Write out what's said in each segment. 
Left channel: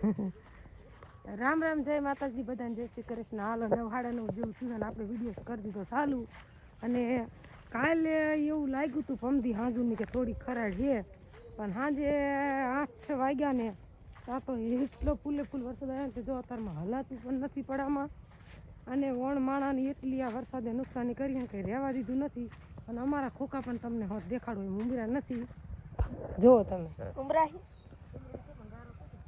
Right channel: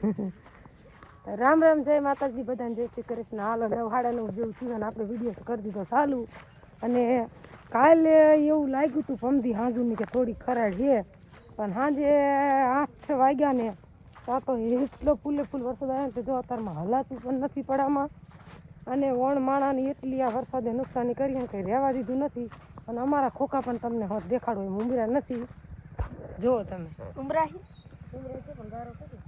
રામ રામ જય માતાજી બધાને જય શ્રી કૃષ્ણ. હાલો નવ સાડા નવ જેવું થયું અને આપણે વીડિયો કરી દીધો ચાલુ. અને કાલે એવું લાગ્યું હતું પમદી હાંજુની કે થોડી ખરાડ છે પણ સાંજે આઠ વાગ્યા ને ત્યાં તો એટલો ફૂલે ફૂલ વરસાદ આવ્યો ને તે જો અત્યારમાં હલાતું પણ નથી પડામાં. અને વણ માણાની એટલી આ વરસાદે નુકસાની કરી ને કંઈ રહેવા દીધું નથી. અને અમારા ખોખા પણ તમને હોત દેખાડો એમ ઉંબરા નથી. જુઓ તમે. ઉમરા ઉમરા છે પણ ગારો કેટલો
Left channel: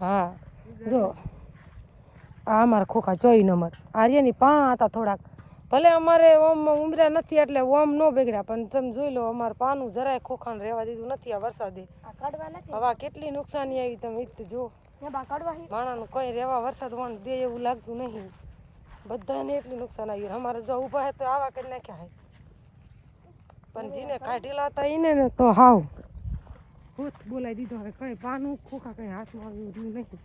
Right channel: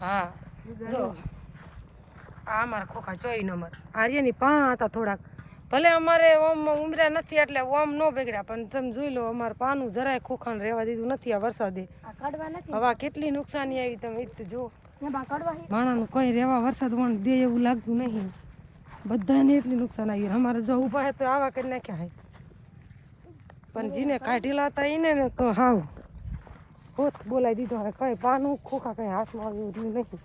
હા. જો. આ અમારા ખોખા ચોવી નંબર આર્યની પા હતા થોડાક. ભલે અમારે ઓમ ઉમર્યા નથી એટલે ઓમ ન બગડ્યા પણ તમે જોઈ લો અમારે પાનું જરાય ખોખાને રહેવા દીધું નથી આ વરસાદે. હવે કેટલી નુકસાની આવી તમે એ જો. માણાનું કોઈ રહેવા વરસાદ વણ દે એવું લાગતું નહીં બધાને એટલી નુકસાન આવી. અમારે જો ઊભા તો આવા કરી નાખ્યા હે. પણ જેને કાઢેલા હતા એને તો હાવ. હોત બોલાવી દીધો. હવે કઈ પાનું ખોખા કઈ હાથમાં આવ્યું રહ્યું નહીં.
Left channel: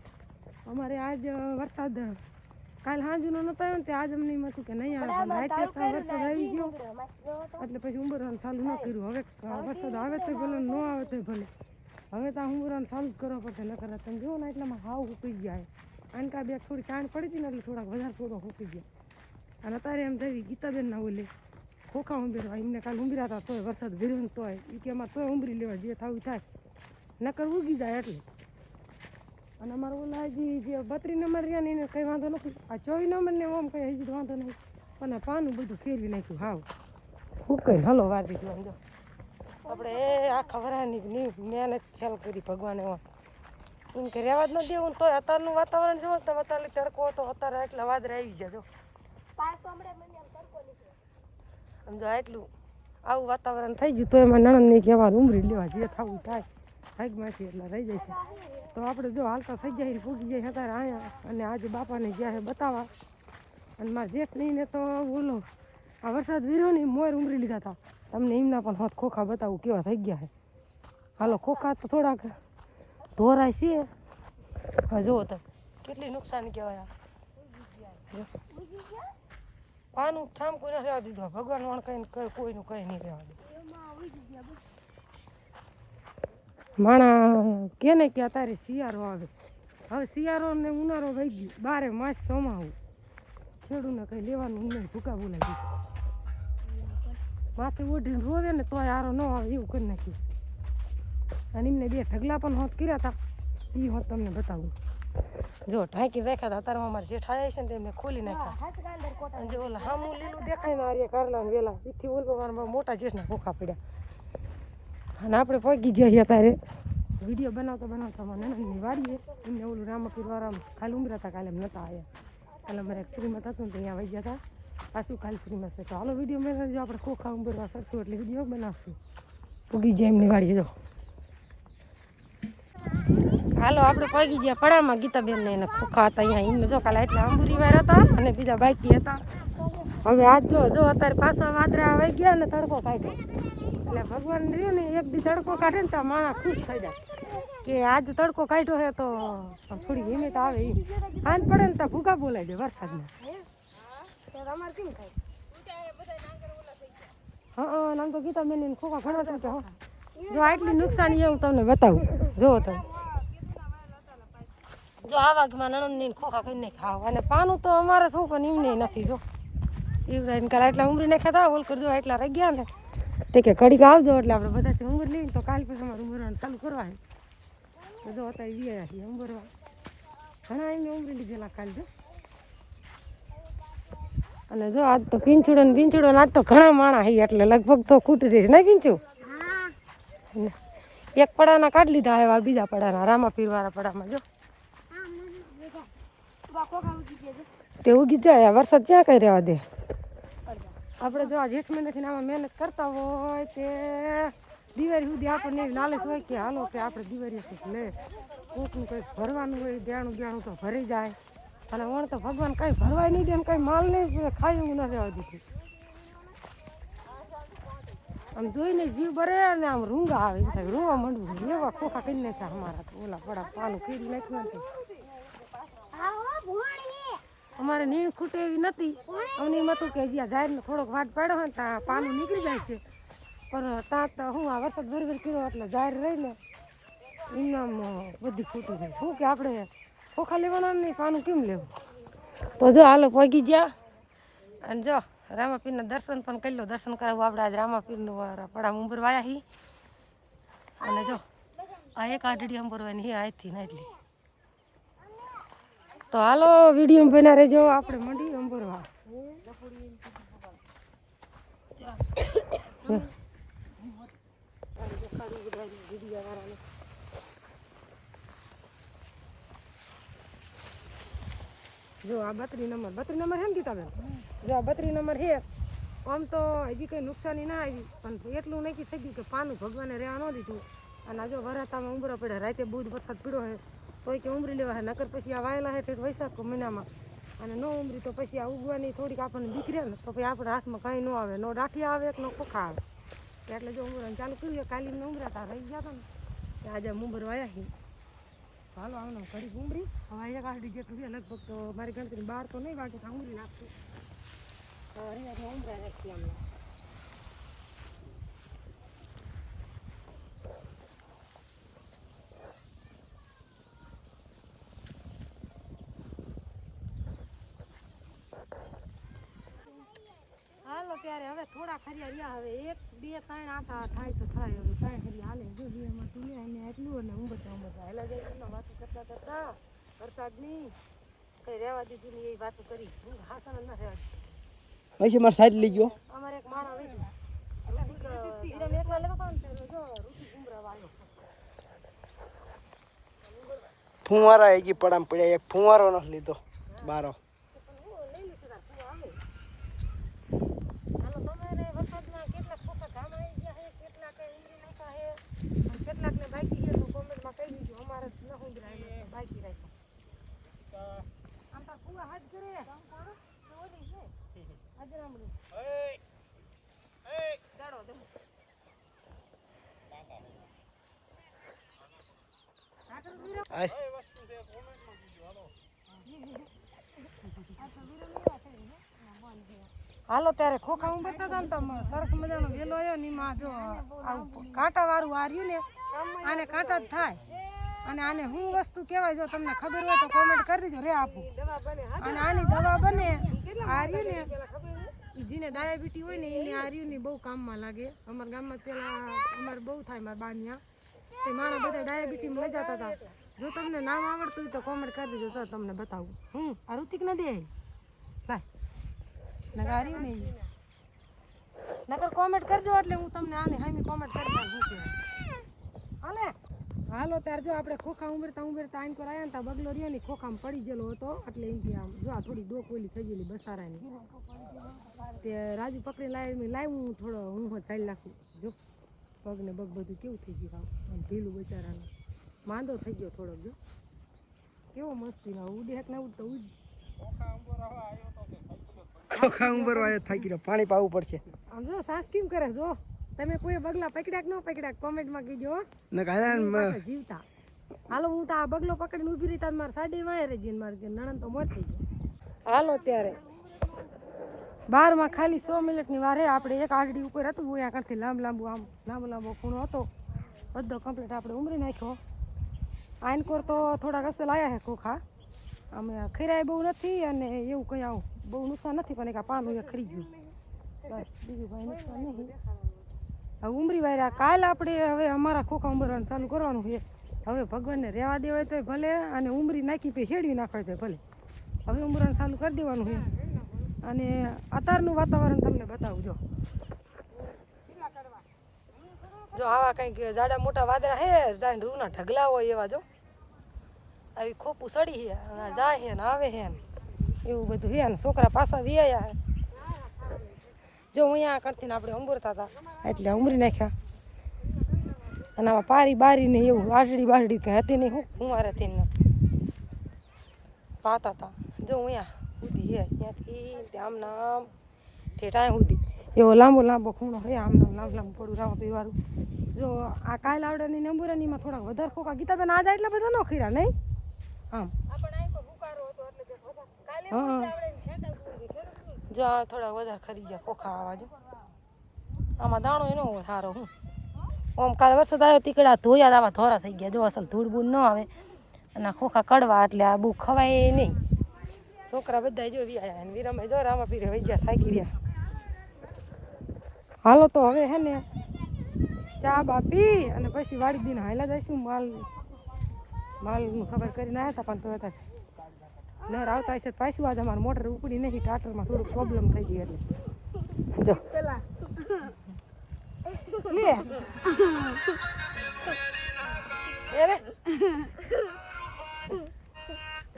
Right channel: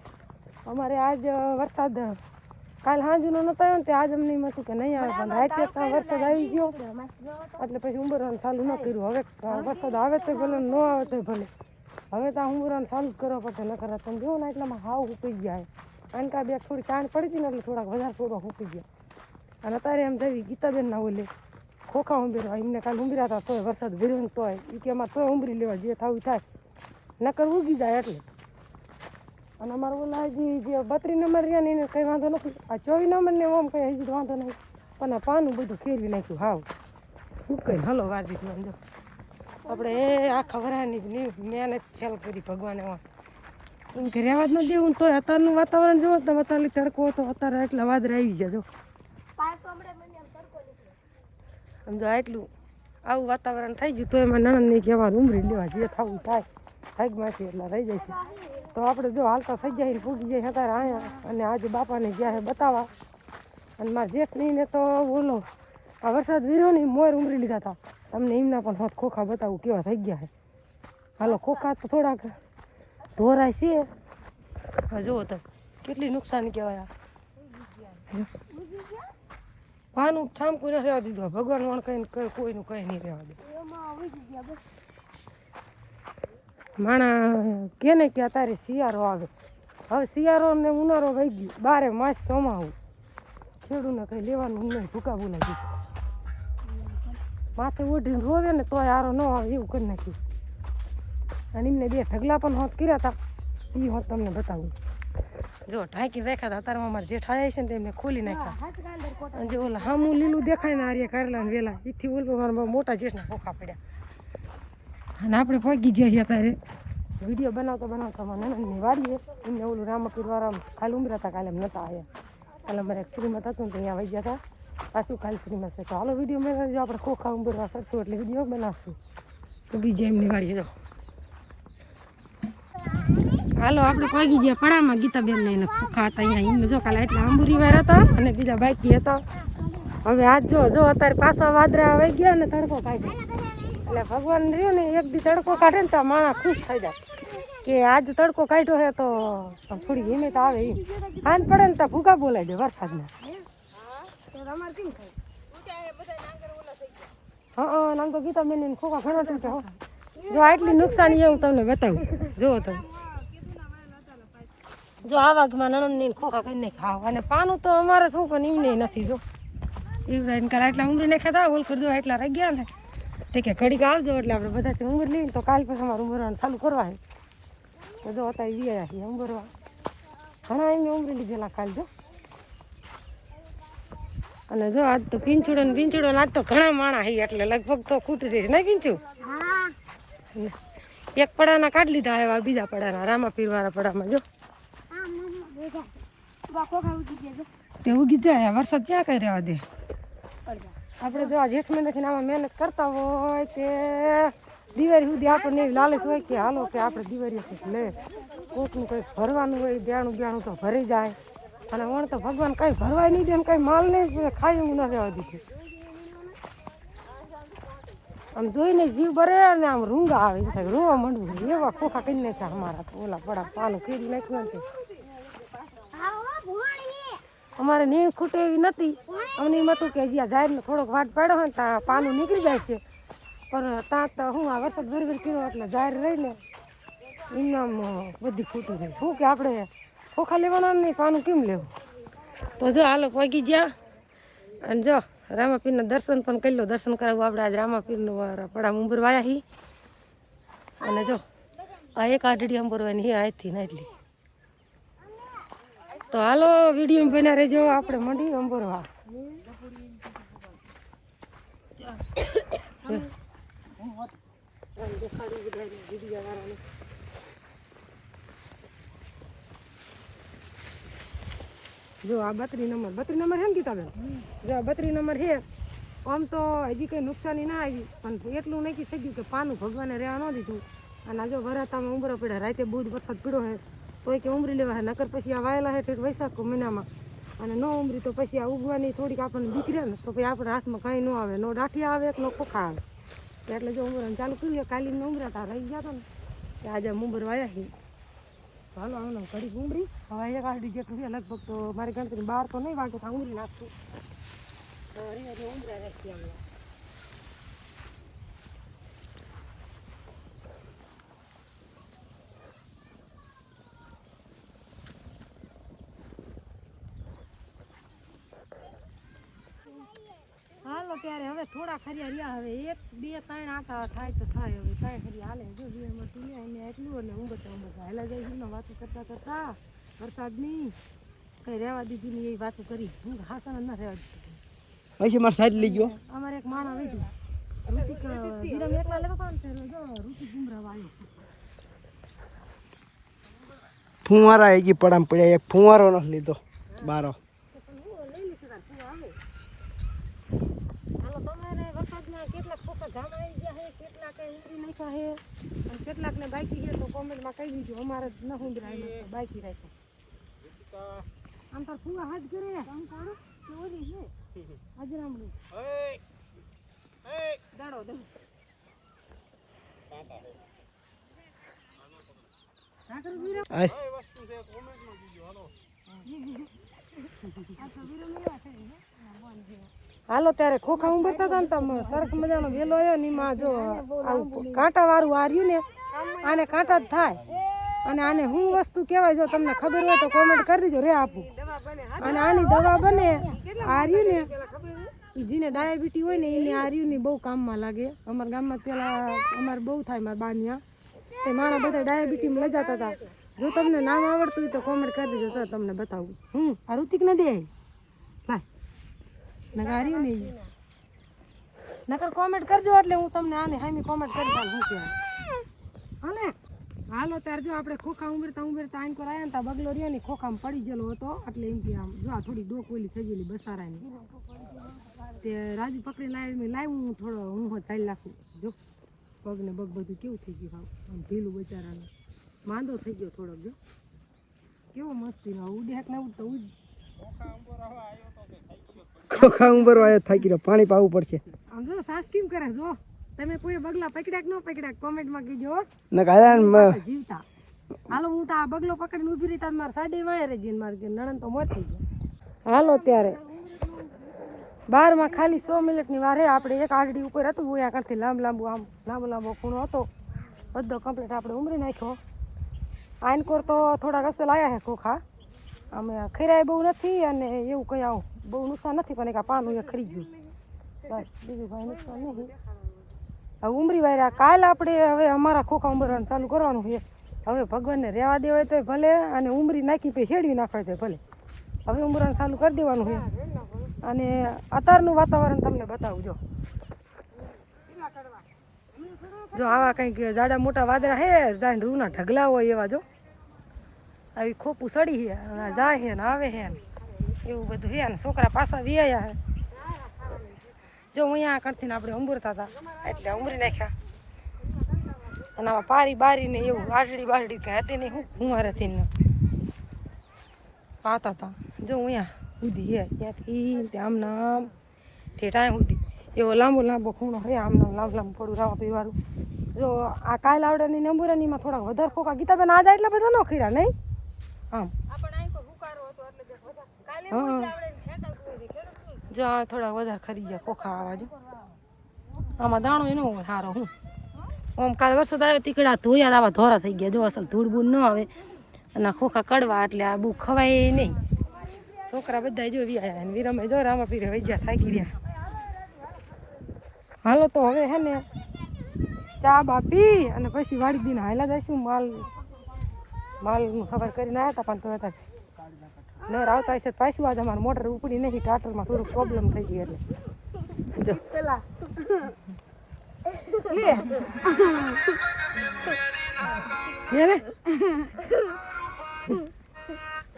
અમારે આજ વરસાદ કાલ હાંજુનો નતો આવ્યો ને તે આજ અમને એમ હતું કે નહીં આવે, પણ રાતે તો વરસાદ આવી ગયો. એટલે પછી ઉંબરવાનું ચાલુ ન કર્યું. હવે વરસાદ આવે તો ભલે ન આવે તો ભલે. હવે તો આ ઉંબરવાનું ચાલુ કરવા પડશે ન કરે તમે જોવો ને એટલામાં હાવ હુકી ગયા આને કા બે થોડી કાંડ પડી હતી ને એટલે થોડાક વધારે થોડો હુકી ગયા. અને અત્યારે એમ જવી ગીતાબેન ના ઓલે ખોખા ઉંબેરવા એમને કાલે ઉમરાતા તોય વરસાદ ભર્યો ને તોય. એ કે અમારે તોય ઉંબરી લેવા જે થવું થાય. નકર ઉગી જાય એટલે. અને અમારે ઓલા હજી જે બત્રી નંબર રહ્યા ને એને કંઈ વાંધો નથી. આ ચોવીસ નંબર ને ઓમ કંઈ હજી વાંધો નહીં. પણ આ પાનું બધું ફેરવી નાખ્યું, હાવ. ઉકેલ હલો વાગી ગયો આપણે એ આખા વરાની મહેનત ફેલ કરી ભગવાને એમાં કે રહેવા જ ન દેવું તોય અત્યારનું વાતાવરણ જોવો તો અત્યારે તડકો હતો, અત્યારે એટલે વાદળા આવી ગયા જો એટલું આવું વાતાવરણ થઈ ગયું તો એમાં નણંદ કહેવાનું ઉમરી લેવા જે થવું થાય. ભાગમાંથી એટલા રહી જાય છે. તો આપણે જો હાલતા થઈ જાય ને પૂગી જાય અત્યારે અહીંયા અને આજે બાપાને ગયા છે બતાવવા. અને મારા જેઠનીને તો બોલો આ વરસાદ વીર્યો ને મોર ઉમરી લીધા હતા તમને એમના પણ હોત ખોખા બતાવું કેવા થઈ ગયા છે. હાલો, ખોખા તો થોડાક ધોરાય છે. જુઓ તો, કેટલી નુકસાન કહેવાય આ ઠામ કોઈ ન રહેવા દીધું ભગવાન વણ કઈ કોઈનું કઈ નહીં રહેવા દીધું માણા કે ને કે અત્યારે શિયાળો આવે. હવે શિયાળો ને ઉનાળો વહી ગયું. બારે માસ ચોમાવું ખેડૂને કઈ લેવાનું નહીં ભૂકા બોલાવી માથે ઓઢીને રોવે ને તોય આરો ન આવે એવું કરી નાખ્યું. અને એમને બે ઢગલા પણ હોત કર્યા હતા એ હોત તમને બતાવું. જો ઢાંકી રાખ્યા હતા અત્યારે અમારે જેઠ આવ્યા છે ને તેમને ખોલી નાખ્યા. અને જે ઓલા હામું લીલું દેખાય ને આર્ય કરેલા ને વેલા એથી ઓલું મારા મોટા જેઠના ભૂખા પડ્યા. અને આપણે પહોંચી ગયા છીએ અત્યારે. વીડિયો બનાવતા બનાવતા અમારે નાની વાડીએ. એમને ઓલું રામપીર વાળા ખાલી ઉમરા હતા કાલે એમ નહોતા આવ્યા કાલે અમારે એક શ્રીમત હતું ને ત્યાં અહીંયા વહી ગયા હતા. પાછું ખાલી શ્રીમત છે. તો હાલો વીડિયો બનાવજો આપણે ખોખા ઉંબરવા સરસું એટલે વીડિયો બનાવશું. તો બીજા એમની વાડીએ જાઓ. હાલો, આપણે પગી ગયા પડામાં. ગીતાબેન ને એને ખોખા હતા અહીંયા. એમ જો કાલે એટલા અંબુરી વાર હતા અને બીજા બાકી હતા. હવે આજ જો જો અત્યારે પાછા વાદરા આવી ગયા ને તડકો કાઢે. એટલે ભગવાન રહ્યો ને, એક દી તડકો કાઢે ને તો માણસ ખુશ થઈ જાય. કે આજ તડકો કાઢ્યો છે તો થોડી હિંમત આવે એમ. હાન પડે ને તો ભૂકા બોલાય દે વરસાદના. હા આમ તો ગીતાબેન ને ખોખા ઘણા તૂટે હો. જો આટલી નુકસાની હું તમને બતાવું. જુઓ તમે જો આ વાઘમાં નણંદ ખોખા કરીને ખાવ. અને પાનું તો અમારે શું પણ એમને નથી જો. ઈવરાઈને કાલે એટલા ઉમરી નાખ્યા હતા ઓલ કરી દો એટલા રહી ગયા ને. તે કે ઘડીક આવજો એટલે આપણે બધાથી ઉંમર લઈને તો કાલ પછી અમારે ઉમરવાનું ચાલુ કરવા તો જો અત્યારે વી છીએ ઉંમરવા ઘણા એમને ઉમરી લીધેલા કાલ જો. અને જો આજ તો પીંછુડે ને પીંછુડો ને આજ તો ઘણા માણા હી એટલે લગભગ તો ખૂટી જઈશ. નહીં પીંછું એક પડાના કાઢી લીધા એવા બીજા પડાના રામા પીરવાળા પડામાં જો. તે ઉગી જાય વરસાદ ક્યાં કઈ રહેવા દે? આપણે જો આ જેઠ મહિનાથી આમાં મહેનત કરતા હોય તે દિવાળી સુધી આપણને એવી લાલચ હોય કે હાલો કે આપણે દિવાળી લે. કોકનું કંઈક ભરવાનું હોય દેણું બેણું તો ભરી જાય. અને વણ તો ભગવાન કઈ ભરવાય નહીં દે ને કઈ માલ નહીં ખાય એવું ન રહેવા દીધું. આમ જોઈને જીવ ભરે અને આમ રૂંગા આવે થાય, રોવા માંડવું એવા ખોખા કરી નાખ્યા અમારા ઓલા પડા પાનું કરી નાખ્યું ને તે. અમારે નીણ ખૂટે એવી નથી. અમને એમ હતું કે જ્યાં જાહેરને થોડોક વાટ પાડ્યો હોય ને ત્યાં પાનું નીકળી જાય છે. પણ ત્યાં તો હું આ વરસાદ ભરી ભરી કર્યો એટલે જાહેર રહીને એમનામ બધી ખોટું થાય શું કે આપણે ખોખા લેવાના નહીં પાનું કેમ લેવું? તો જો હાલે પગી ગયા. અને જો રામાપીરના દર્શન પણ કરી લો. દર્શન કરાવવું આપણે આજ રામાપીરનું પડા ઉંબર વાયા હી. અને જો આ એક આઢડી અંબરવાની હે આજથી ના એટલી તો હાલો, વીડિયો બને રહેજો, આપણે મંડી અંબરવા. જો આ બત્રી નંબર બત્રી નંબર હેમ કીધા ગીતાબેન? જો આ બત્રી નંબર હે, આમ તો હજી કંઈ નુકસાની ના આવી, પણ એટલું નક્કી થઈ ગયું કે પાનું ભગવાને રહેવા ન દીધું. અને જો વરાતામાં ઉમરા પડ્યા, રાતે બુધ વરસાદ પીડો હે તોય કે ઉમરી લેવા નકર પછી આ વાયેલા હે ઠેઠ વૈશાખ મહિનામાં. અને ન ઉમરી તો પછી આ ઉગવાની થોડીક આપણને દીકરી ને, તો પછી આપણા હાથમાં કાંઈ ન આવે. નો ડાઠિયા આવે કે નો ખોખા આવે. એટલે જો ઉમરાને ચાલુ કર્યું ઉમરા ઉમરાતા રહી ગયા હતા ને કે આજે મુંબર વાયા છે હાલો આમનો કરી ઉમરી. હવે એક આડી જેટલું છે, લગભગ તો મારી ગણતરી બહાર તો નહીં વાગે ત્યાં ઉમરી નાખશું. તો એટલે ઉમરા રાખીએ અમે. હાલો ત્યારે હવે થોડા ખરિયા રહ્યા હવે એક બે ત્રણ આટા થાય તો થાય હવે ત્રણ ખરી હાલે. જો બે એમાં તું એને એટલું અને હું બધા બધા હાલા જાય છે વાતો કરતા કરતા. વરસાદની કઈ રહેવા દીધું ને એ વાતો કરી. હું હાસણ ના રહેવા દીધું પછી મારે સાઈડ લઈ ગયો. અમારે એક માણસ વીધું ઋતિક વિરમ એકલા લેતો હતા ને જો ઋતિક ગુમરા આવ્યો. ફુવારા એક પડામ પડ્યા એક ફુવારો નો લીધો બારો હાલો તમે એને વરસાદના કેટલાક ખોખા ગામ આવી ગયા છે કેટલાક નાખ્યા છે અને કેટલાકને બાકી ગયો તો કોમેન્ટમાં કહી દીધું અમારે ન ઉંદરા એમાં તો બાકી રાખ્યો આમ તાર ફુવા હાથ કરે કામ કરો કે ઓલી છે અજરામડી દાડો દમ ઢાંકર વીરો આય હાલો ત્યારે ખોખા ઉંબરતા હતા ને તો સરસ મજાનો વેલો આવ્યો ને એમાં જો આવું કાંટા વાળું આ ને, આને કાંટા જ થાય. અને આને શું વસ્તુ કહેવાય, જો તમને ખબર હોય તો કોમેન્ટ કરી દેજો, રે આપું. અને આની દવા બને, હાર્યું ને જેને ડાયાબિટી હોય ને એને હાર્યું ને બહુ કામમાં લાગે. અમારા ગામમાં પેલા અમારે બહુ થાય, મારા બાનિયા તે માણસ બધા ડાયાબિટીમાં લઈ જતા હતા જો તમને નામ આવડતું હોય તો કોમેન્ટ કરી દેજો, તો તમને બતાવું. હું, આ ઋતિક નથી ભાઈ નગાર્યું નહીં નકર કોમેન્ટ કરજો એટલે હું તમને આને હામી કોમેન્ટ કરી દઉં હું કહેવાય. હાલે? હાલો, ત્યારે જો આપણે ખોખા ઉમેરતા ઉમેરતા આંકો આવ્યા ને બગલો રહ્યો ને ખોખામાં પડી ગયેલો હતો, એટલે એમ કે આમ જો આ થોડી ડોક ઓલી થઈ ગયેલી બસારાની. તે રાજુ પકડી લાવી મેં લાવ્યું, હું થોડો હું ચાલી નાખું. જો, પગને બગ બધું કેવું થઈ ગયું હાવ. આમ ઢીલું બચારાનું. માંદો થઈ ગયો થોડોક, જો. કેવો મસ્તી ના ઉડે હેક ના ઉડતો ઉડ. ખોખા ઉંબરવા આવ્યો થાકી રહ્યો. પાણી પાવું પડશે. આમ જો સાસ કેમ કરે? જો તમે કોઈ બગલા પકડ્યા કે ન પકડ્યા કોમેન્ટમાં માં કીજો ને કાયા જીવતા. હાલો હું તો આ બગલો પકડીને ઊભી રહી તા મારે સાડી વાય રે જીન માર કે નણંદ તો મોત થઈ ગયા. હાલો ત્યારે. બારમાં ખાલી સો મિનિટની વારે હે આપણે એક આડડી ઉપર હતું અહીંયા કરતી લાંબ લાંબુ આમ લાંબો લાંબો ખૂણો હતો. બધો કમ્પ્લીટ આપણે ઉમરી નાખ્યો. આનકોર તો થોડાક અસલ આવ્યા છે ખોખા. અમે ખીરાય બહુ નથી અને એવું કંઈ આવું બહુ નુકસાન નથી, પણ એક પાનું એ ખરી ગયું બસ, બીજું ભાઈ નુકસાન નહીં. હવે ઉમરી વાયરા, કાલ આપણે હવે અમારા ખોખા ઉમરવાનું ચાલુ કરવાનું છે. હવે ભગવાનને રહેવા દેવાય તો ભલે, અને ઉમરી નાખી પછી હેડવી નાખવાય તો ભલે. હવે ઉમરવાનું ચાલુ કરી દેવાનું છે. અને અત્યારનું વાતાવરણ તમને બતાવું, જો. જો આવા કંઈક જાડા મોટા વાદળા હે જાણે રૂના ઢગલા હોય એવા, જો. આવી ખોપું સડી છે જાય છે ને આવે છે ને. એવું બધું હે ને, છોકરા પાછા વ્યાયા જો હું અહીંયા કરતી આપણે અંબુરતા હતા, એટલે ઉમરી નાખ્યા. અને આમાં પારી બારી ને એવું આડડી બારડી કે હતી નહીં, હું મારા થઈને પાતા હતા. જો અહીંયા સુધી હે, ત્યાંથી ત્યાં આમ ઠેઠાય સુધી એવો લાંબો લાંબો ખૂણો હોય આમ લાંબુ લાંબુ પડું રાવા પીવાળું જો આ કાયલાવડાની નંબુરાનીમાં થોડાક વધારે ખોખા ગીતા બેન આજે એટલા બધા ન ખીરા, નહીં? આમ. હા. જો આ થોડા વધારે ખરી ગયા ખોખા આવા જો. આમાં દાણો એનો હોય સારો હું. આમ કાલે વરસાદ આવ્યો તીકડા ધોયા આવા ધોરા થઈ ગયા. જો અસલ ધૂળ બૂળ ન આવે. અને ખોખા કડવા એટલે આ બહુ ખવાય નહીં. છોકરા બધા જો વ્યાયા અને વીરમે જો રામા પીરે વહી ગયા, થાકી રહ્યા હાલો તો હવે હે ને ચા બા પી અને પછી વાળી દીને હાયલા જઈશું. માલ માલનું ખબર કરીને આવ્યા હતા પણ તો હતા નર આવતા હશે તો પાછું આજે અમારે મોટર ઉપડી નહીં ટાટરમાં થોડુંક પ્રોબ્લેમ થઈ ગઈ એટલે. ને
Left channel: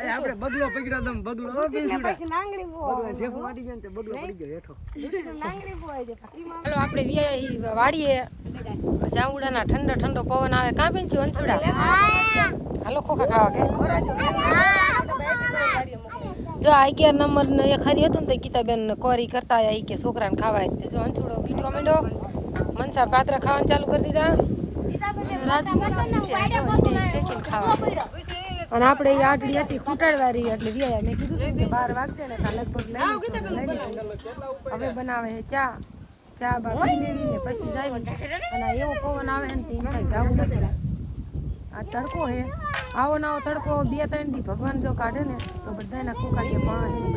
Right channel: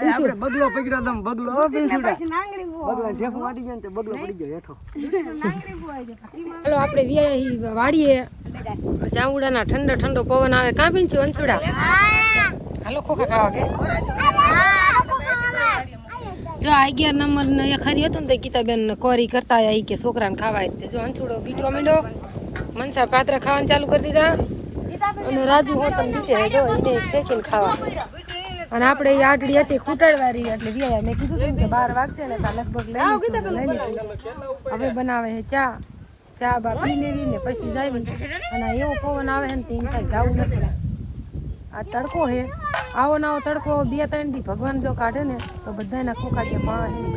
આપણે બગલો પકડ્યો તમ બગલો બગલા વાટી ગયો ને બગલો પડી ગયો હેઠો આપણે વ્યાય વાડીએ જાંબુડાના ઠંડો ઠંડો પવન આવે. કાં પીન છે વંસુડા હાલો ખોખા ખાવા કે? જો આ અગિયાર નંબર ને એક ખરી હતું ને તો ગીતાબેન કોરી કરતા આવી કે છોકરાને ખાવા તે જો અંછુડો બીટો માંડ્યો. મનસા પાત્રા ખાવાનું ચાલુ કરી દીધા. અને રાજુ હોતન નીચે જો એને શેકીને ખાવા અને આપણે એ આટલી હતી ખૂટાડવારી એટલે વ્યાયા મેં કીધું તું કે બાર વાગશે ને ત્યાં લગભગ લઈ લઈ લીધું હવે બનાવે છે ચા. ચા બા પી લેવી ને પછી જાય અને એવો પવન આવે ને તો થાય જવું નથી. આ તડકો છે. આવો નાવો તડકો બે ત્રણથી ભગવાન જો કાઢે ને તો બધાના ખોખા કે પા છે ને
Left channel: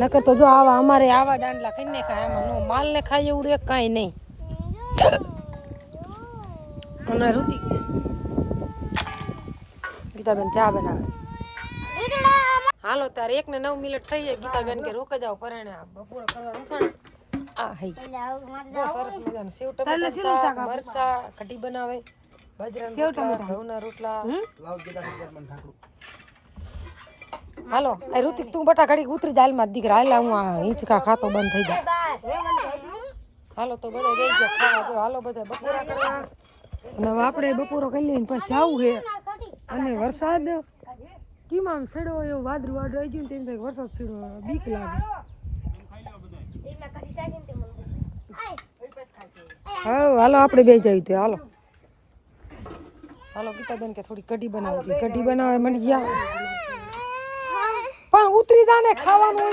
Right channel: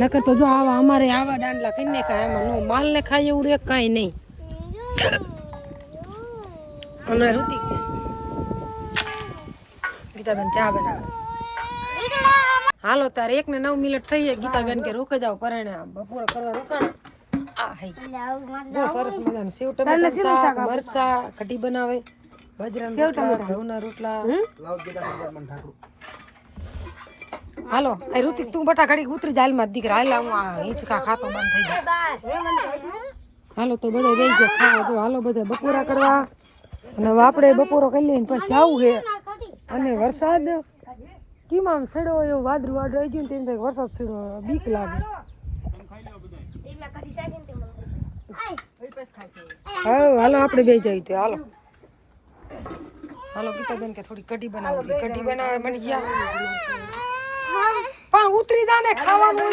નકર તો જો આવા અમારે આવા દાંડલા કરીને ખાય આમાં નો માલ ને ખાય એવું રે કાંઈ નહીં. અને ઋતિક ગીતાબેન ચા બનાવે. હાલો તારે એક ને નવ મિનિટ થઈ જાય. ગીતાબેન કે રોકે જાવ પરણે બપોરે કરવા રોકાણ આ હઈ જો સરસ મજાનું સેવ ટમેટા મરચા કઢી બનાવે. રોટલા ઘઉંના રોટલા. હાલો આ ઋતિક તું બટા ઘડી ઉતરી જાય હાલમાં દીકરા હાલ હું આ હિંચકા ખાતો બંધ થઈ જાય. હાલો તો બધા જઈ ગયા ખાવા તો હાલો બધા બપોરા કરવા. અને આપણે બપોરો કરી લઈને પછી જાવું છે. અને વરસાદ કેમ આમ છેડો એવું વાદળું વાદળું આવી ગયું ને તેમ થાય વરસાદ છેડો બીક લાગે. હા હાલો આપણે બે જઈએ ત્યાં હાલો. હાલો ગીતાબેન કે થોડી કઢી બનાવી. કઢી બનાવે મળી ગયા પણ ઉતરી જા ને ખાવાનું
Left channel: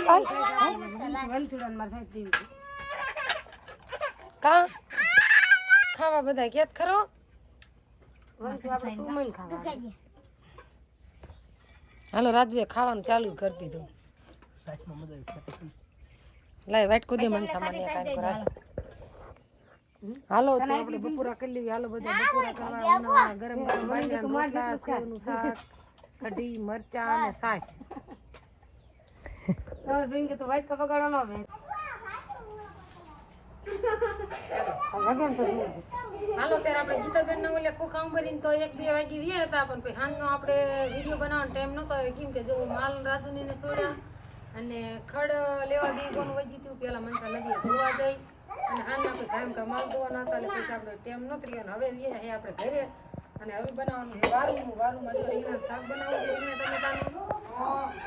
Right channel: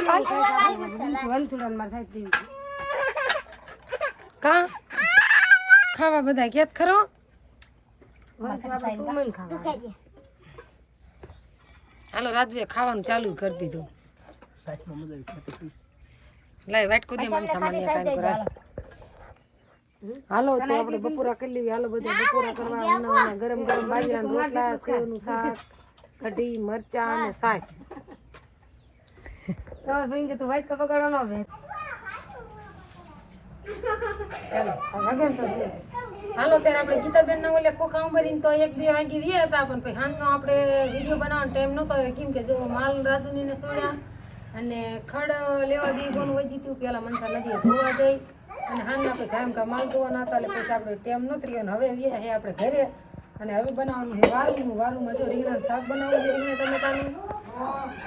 કા? ખાવા બધા કેત ખરો? હાલો રાજુએ ખાવાનું ચાલુ કરી દીધું. લાય વાટ કુદી મન સામાન્ય કામ કરાય હાલો તો આપણે બપોરા કરી લેવી હાલો બધા બપોરા કરવા ઉના ગરમ ગરમ બાજરા રોટલા સેવનું શાક કઢી મરચા અને છાશ હાલો ત્યારે આપણે ગીતાબેન ના ઓલે ખોખા ઉંબરીને તો એક બે વાગી રહ્યા હતા પણ પછી હાંજનો આપણે વીડિયો બનાવવાનો ટાઈમ નહોતો આવ્યો. કેમ કે જો માલ રાજુની ને સોડ્યા અને ખડ લેવા બી કોણ વજી થયું પેલા મનસા નદીએ ધોવા જઈ અને હાલ આપણે કાયમ ગામ માલ ના હતા, એટલે પછી આપણે ટેમ નહોતો અને હવે એ હે આપણે ઘરે. અને હવે બનાવવાનું છે વારું વારુંમાં જો રીંગણા શાક બનાવવું છે રીંગણા ટમેટાનું.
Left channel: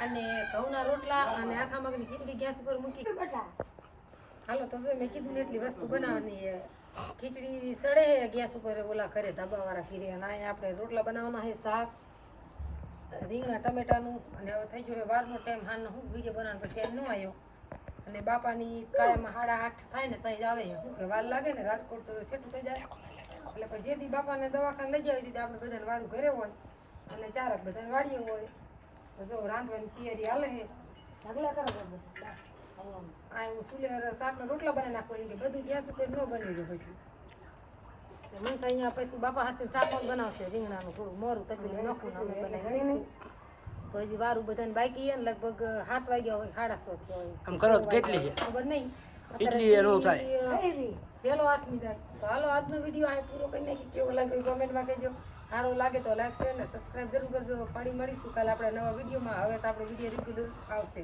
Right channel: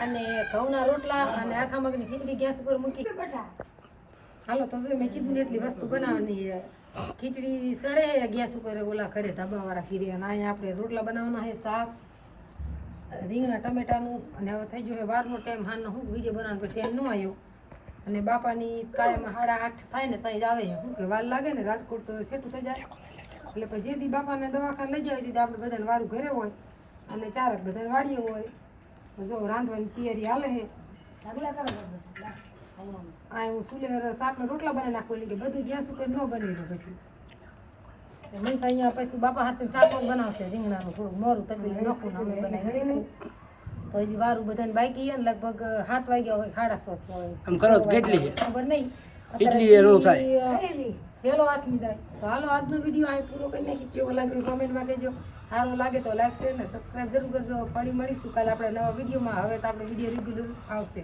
અને ઘઉંના રોટલા અને આખા મગની ખીચડી ગેસ ઉપર મૂકી. હાલો, તો મેં કીધું ને એટલી વસ્તુ બનાવવાની છે. ખીચડી સડે ગેસ ઉપર ઓલા ઘરે ધાબાવાળા ખીરે. અને અહીંયા આપણે રોટલા બનાવવાના છે, શાક, રીંગણા ટમેટાનું. અને હવે થઈ ગયો વારનો ટાઈમ. હાલનો હું વીડિયો બનાવવાનો પછી ટાઈમ ન આવ્યો. અને બાપાની કાયમ સાડા આઠ થાય ને ત્યાં જ આવે શું કે વાર લાગે ને રાજકોટ છેટું થઈ જાય? એટલે પછી જે દી બાપાને દવાખાને લઈ જાય દીધી આપણે બધાને વારું ઘરે હોય અને ચારક બધાને વાળીએ હોય. જો રાંધવાની તૈયારી હાલે છે. આ હું સુલે શાકના રોટલા બનાવી નાખવાની કે બધું ગેસ ઉપર ન બની દો પછી. મનસા અહીંયા પછી બાપા હાથે શાક પણ બનાવશે રીંગણાનું થોડું મોરું તપેલું નાખું અમે બનાવી તો હજી વારું બધાને બાકી છે ને લગભગ સાત વાગ્યા હોય સાડા સાત હોય. આમ કરો કેટલી ખબર નહીં. એટલી એ નો પેલો હાથમી જાય તો હાલો આજનો વીડિયો આ પૂરો કરી નાખી કેવો લાગ્યો કોમેન્ટમાં કહેજો. સારું લાગે તો લાગશે ને સબસ્ક્રાઈબ જરૂર કરજો. ફરી મળીશું કાલે આપણે નવા વિડીયોમાં. હવે તો આપણે વીડિયો રેગ્યુલર આવશે.